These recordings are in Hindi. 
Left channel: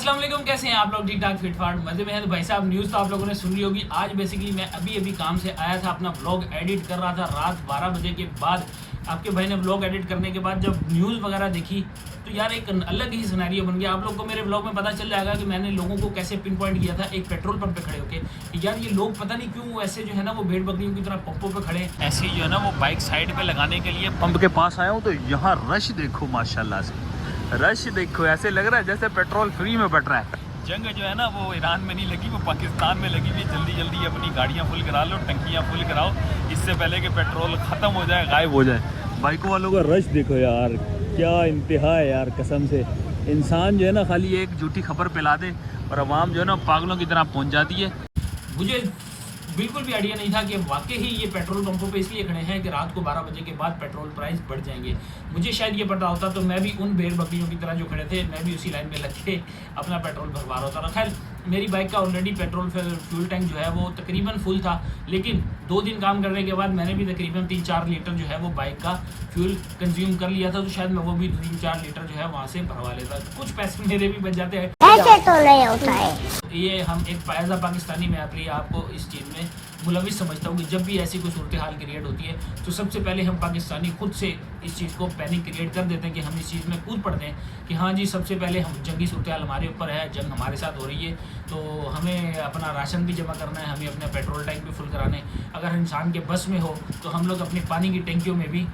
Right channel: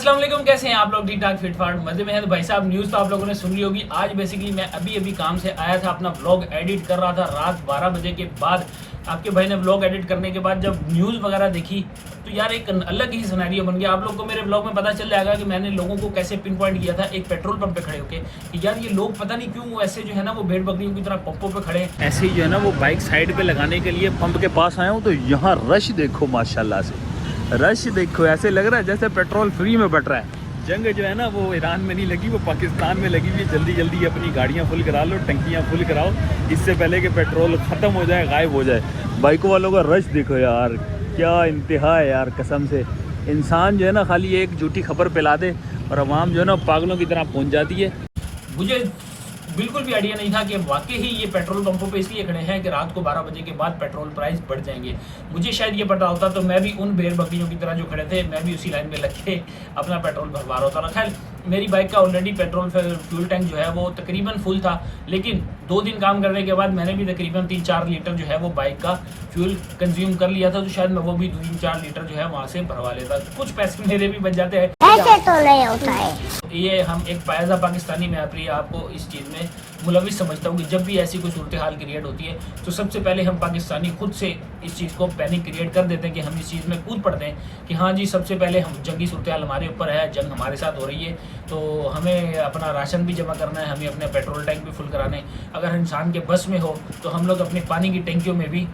अस्सलाम वालेकुम, कैसे हैं आप लोग? ठीक ठाक फिट फाट मजे में हैं। तो भाई साहब न्यूज़ तो आप लोगों ने सुन ली होगी। आज बेसिकली मैं अभी काम से आया था, अपना व्लॉग एडिट कर रहा था रात 12 बजे के बाद। आपके भाई ने व्लॉग एडिट करने के बाद जब न्यूज़ वगैरह देखी तो यार एक अलग ही सिनेरियो बन गया। आप लोग को मेरे व्लॉग में पता चल जाएगा कि मैंने लोगों को कैसे पिन पॉइंट किया था एक पेट्रोल पंप पे खड़े होके कि यार ये लोग पता नहीं क्यों ऐसे जो है ना वो भेड़ बकरियों की तरह पंपों पे खड़े हैं। ऐसे जो है ना वो बाइक साइड पे लगाने के लिए पंप के पास आया हूँ तो यहाँ रश देखो, माशाल्लाह से रश देखो। ऐसे लग रहा है जैसे पेट्रोल फ्री में बट रहा है। जंग जो है ना वो ईरान में नहीं लगी, वो पाकिस्तान में लगी हुई। जल्दी जल्दी अपनी गाड़ियाँ फुल करा लो, टंकियाँ फुल कराओ, इससे पहले कि पेट्रोल ख़त्म हो जाए, गायब हो जाए। बाइकों वालों का रश देखो यार, क्या इंतहा है यार कसम से। इंसान जो है ना खाली एक झूठी खबर फैला दे और अवाम जो है ना पागलों की तरह पहुँच जाती है। मुझे बिल्कुल भी आइडिया नहीं था कि वाकई ही ये पेट्रोल पंपों पे इसलिए खड़े हैं कि रात को 12 बजे के बाद पेट्रोल प्राइस बढ़ जाएंगे। मुझे शायद ये पता होता तो मैं भी उन भेड़ बकरियों की तरह जो खड़े थे, मैं भी उसी लाइन में लग के अपना पेट्रोल भरवा रहा होता। खैर मेरी बाइक का ऑलरेडी पेट्रोल फ्यूल टैंक जो है वो तकरीबन फुल था, लेकिन 2 दिन काम करने के बाद मैंने भी तकरीबन 3-4 लीटर जो है वो बाइक का फ्यूल कंज्यूम कर लिया था। तो शायद मैं वो भी 3-4 लीटर जो है वहाँ से भरवा लेता, कुछ पैसे मेरे भी बच जाते हैं। ऐसे तो नहीं होता है। ये हम एक पायजा पाकिस्तानी में अपनी आपको इस चीज़ में मुलविस समझता हूँ कि जब भी ऐसी कोई सूरत हाल क्रिएट होती है तो सबसे पहले हम पाकिस्तानी खुद से इस चीज़ को पैनिक क्रिएट कर देते हैं कि हम इस चीज़ में कूद पड़ते हैं कि हाँ जी सबसे पहले हम जंगी सूरत हाल हमारे ऊपर है, जंग हमारे साथ हो रही है, तो हमें अपना राशन भी जमा करना है, हमें अपने पेट्रोल टैंक भी फुल कराने। अगर इंसान के बस में हो तो हम लोग अपनी पानी की टैंकियों में भी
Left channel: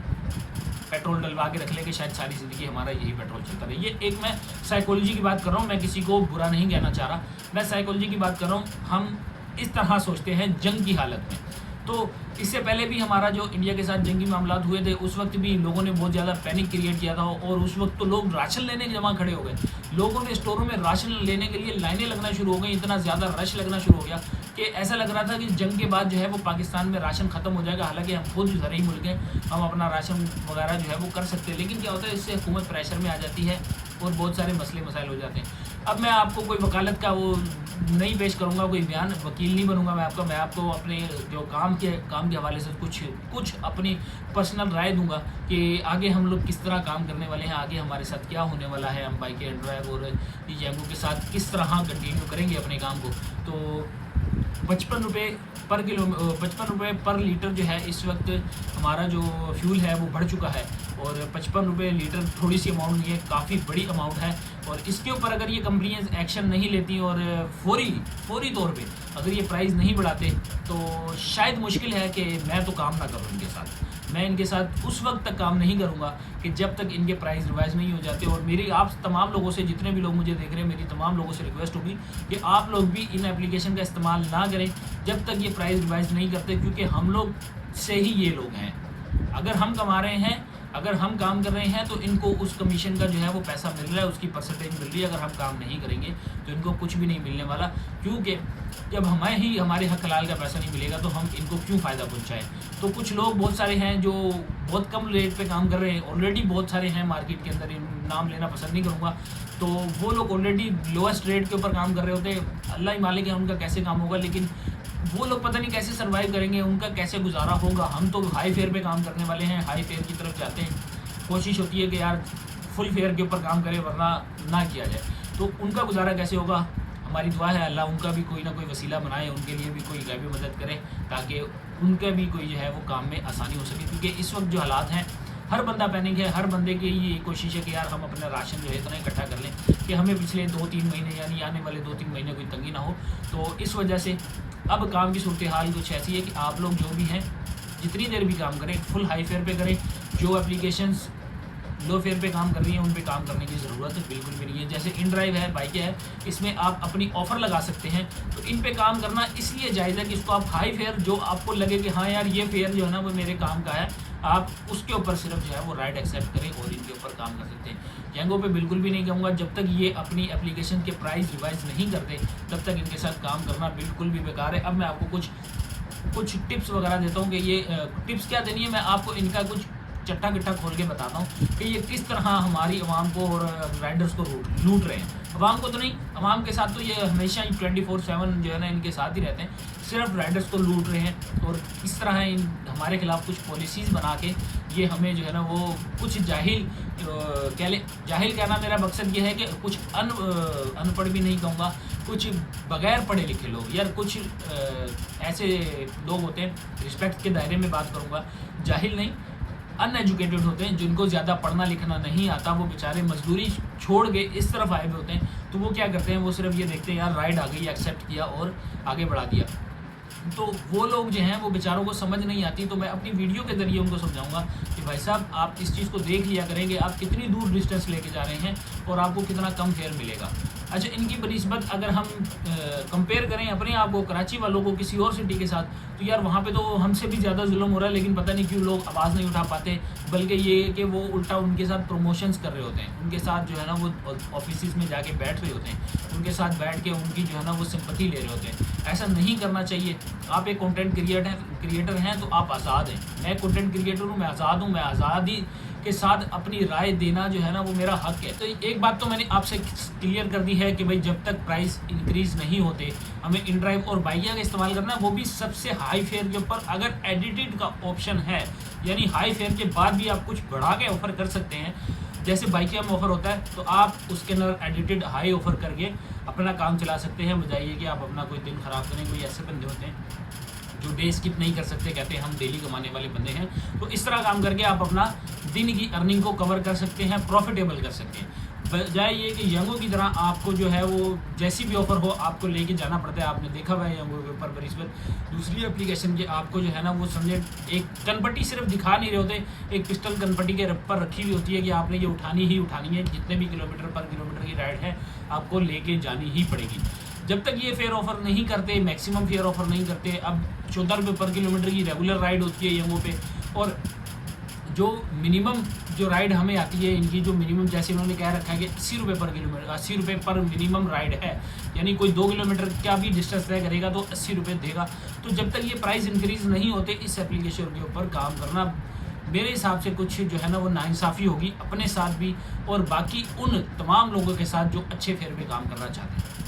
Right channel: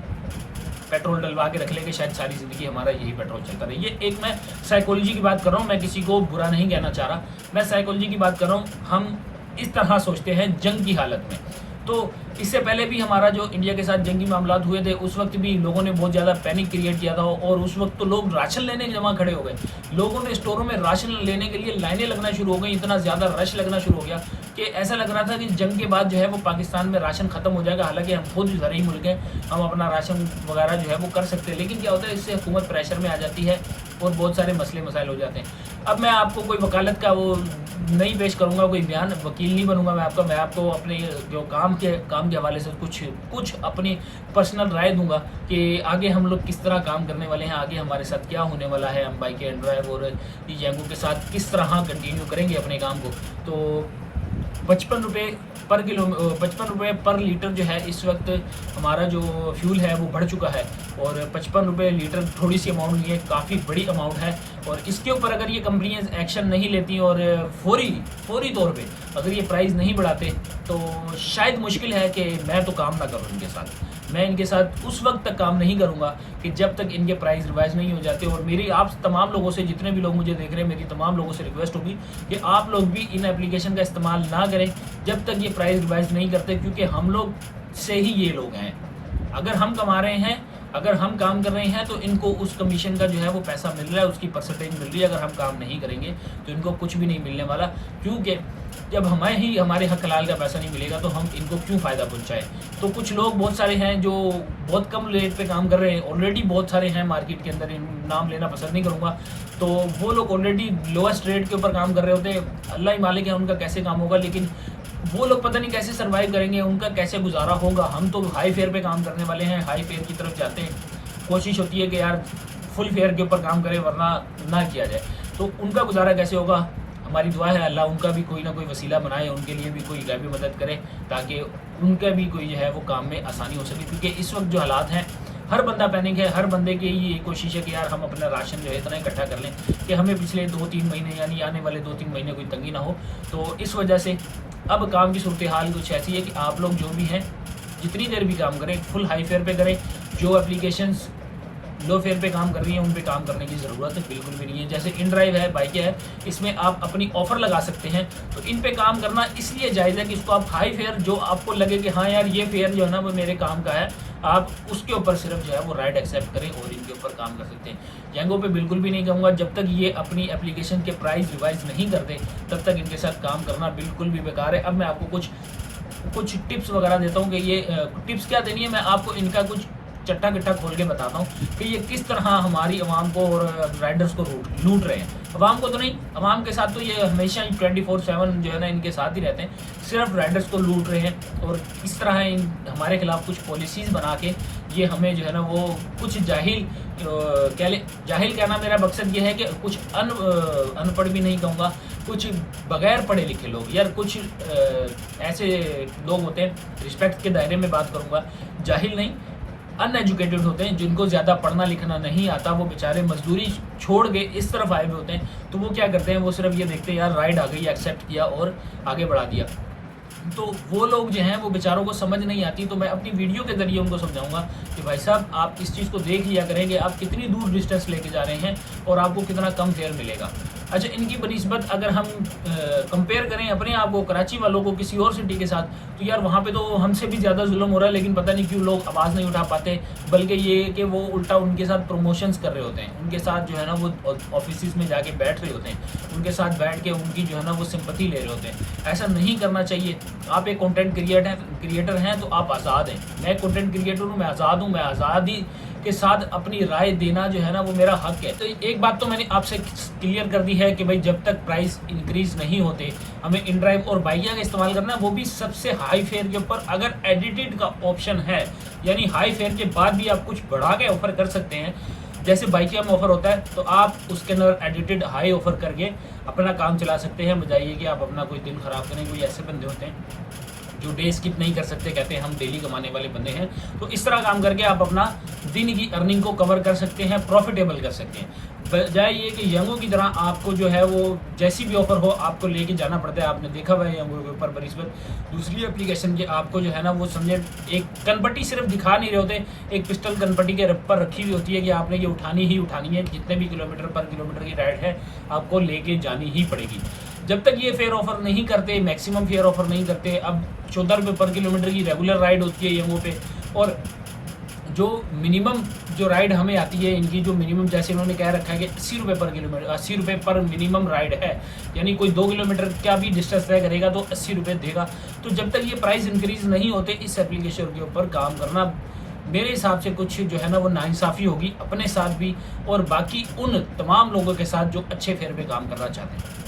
पेट्रोल डलवा के रख लेंगे, शायद सारी ज़िंदगी हमारा यही पेट्रोल चलता रहे। ये एक मैं साइकोलॉजी की बात कर रहा हूँ, मैं किसी को बुरा नहीं कहना चाह रहा, मैं साइकोलॉजी की बात कर रहा हूँ। हम इस तरह सोचते हैं जंग की हालत में। तो इससे पहले भी हमारा जो इंडिया के साथ जंगी मामलात हुए थे उस वक्त भी लोगों ने बहुत ज़्यादा पैनिक क्रिएट किया था और उस वक्त तो लोग राशन लेने जमा खड़े हो गए। लोगों ने स्टोरों में राशन लेने के लिए लाइनें लगना शुरू हो गई, इतना ज़्यादा रश लगना शुरू हो गया कि ऐसा लग रहा था कि जंग के बाद जो है वो पाकिस्तान में राशन खत्म हो जाएगा। हालांकि हम खुद ज़रूरी मुल्क हैं, हम अपना राशन वगैरह जो है वो कर सकते हैं, लेकिन क्या होता है इससे हुकूमत प्रेशर में आ जाती है और बहुत सारे मसले मसाइल हो जाते हैं। अब मैं आपको कोई वकालत का वो नहीं पेश करूंगा, कोई बयान, वकील नहीं बनूंगा मैं आपको अपने जो काम के हवाले से कुछ अपनी पर्सनल राय दूंगा कि आगे हम लोग किस तरह काम करने वाले हैं, आगे हमारे साथ क्या होने वाला है, हम बाइक एंड ड्राइव और जंगों के साथ किस तरह कंटिन्यू करेंगे अपने काम को। तो 55 रुपये पर लीटर जो है इस वक्त हमारा जो फ्यूल है वो बढ़ चुका है और 55 रुपये लीटर थोड़ी सी अमाउंट नहीं है, काफ़ी बड़ी अमाउंट है। और इसके ऊपर अगर ये कंपनियां एक्शन नहीं लेती और फौरी तौर पे अगर ये प्राइस नहीं बढ़ाते तो शायद मुश्किल है कि मैं तो काम ना करूँ इनके साथ। मैं इनके साथ उस वक्त तक काम नहीं करूंगा कि जब तक इनके प्राइस रिवाइज नहीं हो जाते। और मेरी आप तमाम लोगों से, जितने भी लोग मुझे देख रहे हैं, मेरी तमाम लोगों से रिक्वेस्ट होगी कि आप लोग भी इन एप्लीकेशन का इस्तेमाल ना करें जब तक ये प्राइस रिवाइज नहीं करते, क्योंकि हम लोग से ही ये लोग हैं। अगर हम कमा रहे हैं, अगर हम काम कर रहे हैं तो इनको उस कमीशन का जो है वो पैसा मिल रहा है, उसकी परसेंटेज मिल रही है। अगर हम काम नहीं करेंगे तो इनको कुछ भी नहीं मिलने वाला, क्योंकि जब हमारे हक हलाल का पैसा नहीं मिलेगा तो हम इनको क्यों फ़ायदा पहुंचाएं। तो कुछ लोग बहुत सारे हैं जो बहुत कम रेट पे काम कर रहे हैं, ऑलरेडी बहुत सारे हैं मार्केट के अंदर, नाम लेना पसंद नहीं करूँगा। तो वो लोग ऑलरेडी लोएस्ट रेट के ऊपर काम कर रहे होते हैं, अल्लाह ही मालिक है उनका कैसे काम होगा, लेकिन वो लोग पता नहीं कैसे सर्वाइव करेंगे, उनका कैसे गुजारा होगा। हम तो हाई फेयर पे काम करने वाले हैं, हाई फेयर की तरफ जाते हैं। कोशिश होती है कि यार फुल फेयर के ऊपर काम करें वरना ना किया जाए। तो उनका गुजारा कैसे होगा? हमारी दुआ है अल्लाह उनका भी कोई ना कोई वसीला बनाए, उनके लिए भी कोई गैबी मदद करे ताकि उनका भी कोई जो है वो काम में आसानी हो सके। क्योंकि इस वक्त जो हालात हैं, हर बंदा पैनिक है, हर बंदे की ये कोशिश है कि यार हम अपना राशन जो है इतना इकट्ठा कर लें कि हमें पिछले 2-3 महीने यानी आने वाले 2-3 महीने कोई तंगी ना हो। तो इस वजह से अब काम की सूरत हाल कुछ ऐसी है कि आप लोग जो भी हैं जितनी देर भी काम करें फुल हाई फेयर पे करें। जो एप्लीकेशंस लो फेयर पे काम कर रही हैं उन पे काम करने की ज़रूरत बिल्कुल भी नहीं है। जैसे इन ड्राइव है, बाइकें है, इसमें आप अपनी ऑफ़र लगा सकते हैं, तो इन पे काम करना इसलिए जायज़ है कि इसको आप हाई फेयर जो आपको लगे कि हाँ यार ये फेयर जो है ना वो मेरे काम का है, आप उसके ऊपर सिर्फ जो है वो राइट एक्सेप्ट करें और इनके ऊपर काम कर सकते हैं। जैंगो पे बिल्कुल भी नहीं कहूँगा, जब तक ये अपनी एप्लीकेशन के प्राइस रिवाइज नहीं करते तब तक इनके साथ काम करना बिल्कुल भी बेकार है। अब मैं आपको कुछ टिप्स वगैरह देता हूँ कि ये टिप्स क्या देनी है, मैं आपको इनका कुछ चट्टा कट्टा खोल के बताता हूँ कि ये किस तरह हमारी आवाम को और राइडर्स को लूट रहे हैं। आवाम को तो नहीं, आवाम के साथ तो ये हमेशा ही 24/7 जो है ना इनके साथ ही रहते हैं, सिर्फ राइडर्स को लूट रहे हैं। और इस तरह हमारे खिलाफ कुछ पॉलिसीज़ बना के ये हमें जो है ना वो कुछ जाहिल कहना मेरा मकसद ये है कि कुछ अनपढ़ भी नहीं कहूँगा, कुछ बगैर पढ़े लिखे लोग, यार कुछ ऐसे लोग होते हैं, रिस्पेक्ट के दायरे में बात करूँगा, जाहिल नहीं, अनएजुकेटेड होते हैं, जिनको ज़्यादा पढ़ना लिखना नहीं आता, वो बेचारे मजदूरी छोड़ के इस तरफ आए हुए होते हैं। तो वो क्या करते हैं, वो सिर्फ ये देखते हैं यार राइड आ गई, एक्सेप्ट किया और आगे बढ़ा दिया। तो वो लोग जो हैं वो बेचारों को समझ नहीं आती। तो मैं अपनी वीडियो के ज़रिए उनको समझाऊंगा कि भाई साहब आप इस चीज़ को देख लिया करेंगे, आप कितनी दूर डिस्टेंस लेके जा रहे हैं और आपको कितना कम फेयर मिलेगा। अच्छा, इनकी बनिस्बत अगर हम कंपेयर करें अपने आप को कराची वालों को किसी और सिटी के साथ, तो यार वहाँ पे तो हमसे भी ज़्यादा जुल्म हो रहा है, लेकिन पता नहीं क्यों लोग आवाज़ नहीं उठा पाते, बल्कि ये कि वो उल्टा उनके साथ प्रमोशंस कर रहे होते हैं, उनके साथ जो है ना वो ऑफिस में जाके बैठ रहे होते हैं, उनके साथ बैठ के उनकी जो है ना वो सिंपैथी ले रहे होते हैं। ऐसा नहीं करना चाहिए। आप एक कंटेंट क्रिएटर हैं तो आप आज़ाद हैं। मैं कंटेंट क्रिएटर हूँ, मैं आज़ाद हूँ, मैं आज़ादी के साथ अपनी राय देना जो है ना वो मेरा हक है। तो एक बात तो मैंने आपसे क्लियर कर दी है कि भाई जब तक प्राइस इंक्रीज नहीं होते हमें इन ड्राइव और बाइकिया का इस्तेमाल करना है, वो भी सबसे हाई फेयर के ऊपर। अगर एडिटेड का ऑप्शन है, यानी हाई फेयर के बाद भी आप कुछ बढ़ा के ऑफर कर सकते हैं, जैसे बाइकिया में ऑफर होता है, तो आप उसके अंदर एडिटेड हाई ऑफर करके अपना काम चला सकते हैं। बजाय ये कि आप अपना कोई दिन खराब करें। कोई ऐसे बंदे होते हैं जो डे स्किप नहीं कर सकते, कहते हैं हम डेली कमाने वाले बंदे हैं, तो इस तरह काम करके आप अपना दिन की अर्निंग को कवर कर सकते हैं, प्रॉफिटेबल कर सकते हैं। बजाय ये कि यंगों की तरह आपको जो है वो जैसी भी ऑफर हो आपको लेके जाना पड़ता है। आपने देखा हुआ है यंगों के ऊपर बनिस्बत दूसरी एप्लीकेशन के, आपको जो है ना वो समझे एक कनपट्टी सिर्फ दिखा नहीं रहे होते, एक पिस्टल कनपट्टी के पर रखी हुई होती है कि आपने ये उठानी ही उठानी है, जितने भी किलोमीटर पर किलोमीटर की राइड है आपको लेके जानी ही पड़ेगी। जब तक ये फेयर ऑफर नहीं करते, मैक्सिमम फेयर ऑफर नहीं करते, अब 14 रुपये पर किलोमीटर की रेगुलर राइड होती है यंगों पे, और जो मिनिमम जो राइड हमें आती है इनकी जो मिनिमम, जैसे इन्होंने कह रखा है कि 80 रुपये पर किलोमीटर, 80 रुपये पर मिनिमम राइड है, यानी कोई 2 किलोमीटर का भी डिस्टेंस तय करेगा तो 80 रुपये देगा। तो जब तक ये प्राइस इंक्रीज नहीं होते इस एप्लीकेशन के ऊपर काम करना मेरे हिसाब से कुछ जो है ना वो नाइंसाफ़ी होगी अपने साथ भी और बाकी उन तमाम लोगों के साथ जो अच्छे फेयर पे काम करना चाहते हैं।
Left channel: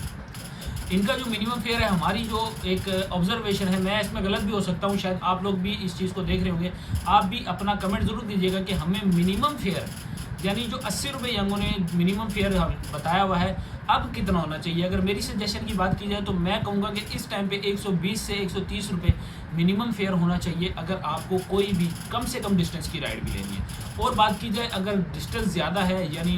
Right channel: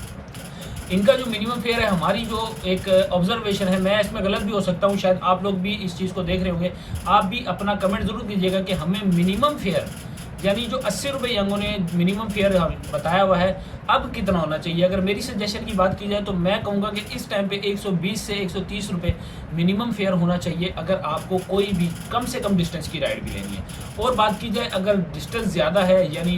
इनका जो मिनिमम फेयर है, हमारी जो एक ऑब्जर्वेशन है, मैं इसमें गलत भी हो सकता हूँ, शायद आप लोग भी इस चीज़ को देख रहे होंगे, आप भी अपना कमेंट ज़रूर दीजिएगा कि हमें मिनिमम फेयर यानी जो 80 रुपये यंगों ने मिनिमम फेयर बताया हुआ है अब कितना होना चाहिए। अगर मेरी सजेशन की बात की जाए तो मैं कहूँगा कि इस टाइम पे 120 से 130 रुपये मिनिमम फेयर होना चाहिए अगर आपको कोई भी कम से कम डिस्टेंस की राइड भी लेनी है। और बात की जाए अगर डिस्टेंस ज़्यादा है, यानी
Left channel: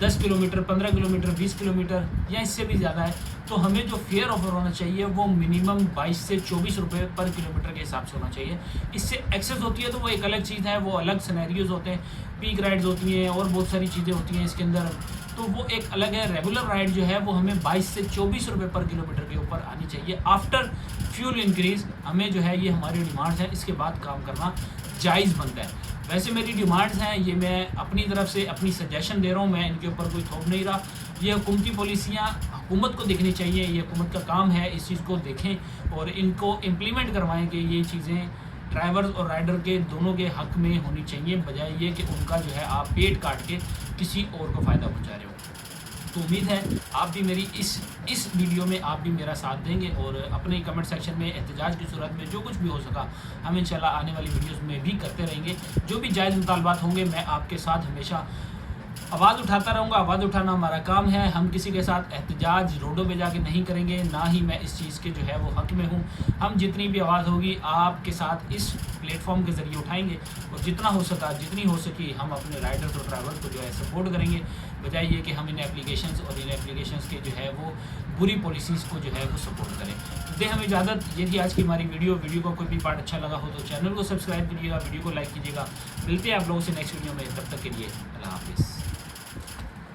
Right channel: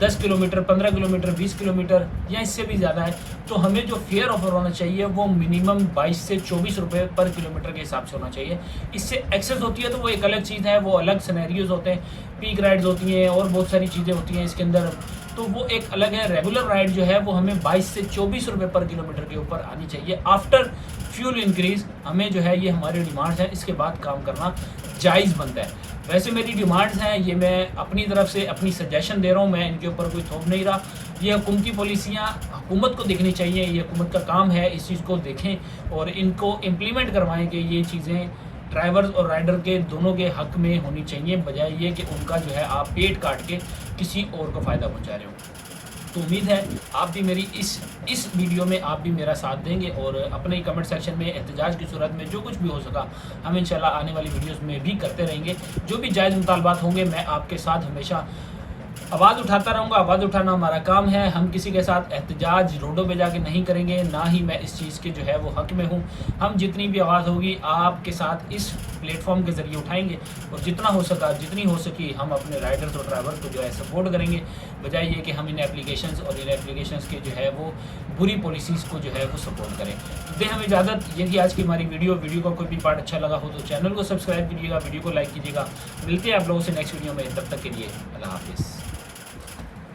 10 किलोमीटर, 15 किलोमीटर, 20 किलोमीटर या इससे भी ज़्यादा है, तो हमें जो फेयर ऑफर होना चाहिए वो मिनिमम 22 से 24 रुपये पर किलोमीटर के हिसाब से होना चाहिए। इससे एक्सेस होती है तो वो एक अलग चीज़ है, वो अलग सिनेरियोज होते हैं, पीक राइड्स होती हैं और बहुत सारी चीज़ें होती हैं इसके अंदर, तो वो एक अलग है। रेगुलर राइड जो है वो हमें 22 से 24 रुपये पर किलोमीटर के ऊपर आनी चाहिए आफ्टर फ्यूल इंक्रीज। हमें जो है ये हमारी डिमांड्स हैं, इसके बाद काम करना जायज़ बनता है। वैसे मेरी डिमांड्स हैं, ये मैं अपनी तरफ से अपनी सजेशन दे रहा हूँ, मैं इनके ऊपर कोई थोप नहीं रहा। ये हुकूमती पॉलिसियाँ हुकूमत को देखनी चाहिए, ये हुकूमत का काम है, इस चीज़ को देखें और इनको इम्प्लीमेंट करवाएं कि ये चीज़ें ड्राइवर्स और राइडर के दोनों के हक में होनी चाहिए, बजाय ये कि उनका जो है आप पेट काट के किसी और को फ़ायदा पहुंचा रहे हो। तो उम्मीद है आप भी मेरी इस वीडियो में आप भी मेरा साथ देंगे और अपने कमेंट सेक्शन में एहतजाज की सूरत में जो कुछ भी हो सका हम इंशाल्लाह आने वाली वीडियोस में भी करते रहेंगे। जो भी जायज़ मुतालबात होंगे मैं आपके साथ हमेशा आवाज़ उठाता रहूँगा। आवाज़ उठाना हमारा काम है, हम किसी के साथ एहतजाज रोडों पे जाके नहीं करेंगे, ना ही मैं इस चीज़ के जो है वो हक में हूँ। हम जितनी भी आवाज़ होगी आपके साथ इस प्लेटफॉर्म के ज़रिए उठाएंगे और जितना हो सका, जितनी हो सकी हम अपने राइडर्स और ड्राइवर्स को जो है सपोर्ट करेंगे, बजाय ये कि हम इन एप्लीकेशंस और इन एप्लीकेशंस के जो है वो बुरी पॉलिसीज़ को जो है वो सपोर्ट करें। तो दें हम इजाज़त, ये थी आज की हमारी वीडियो का कोई भी पार्ट अच्छा लगा हो तो चैनल को सब्सक्राइब कीजिएगा, वीडियो को लाइक कीजिएगा। मिलते हैं आप लोगों से नेक्स्ट वीडियो में, तब तक के लिए अल्लाह हाफिज़।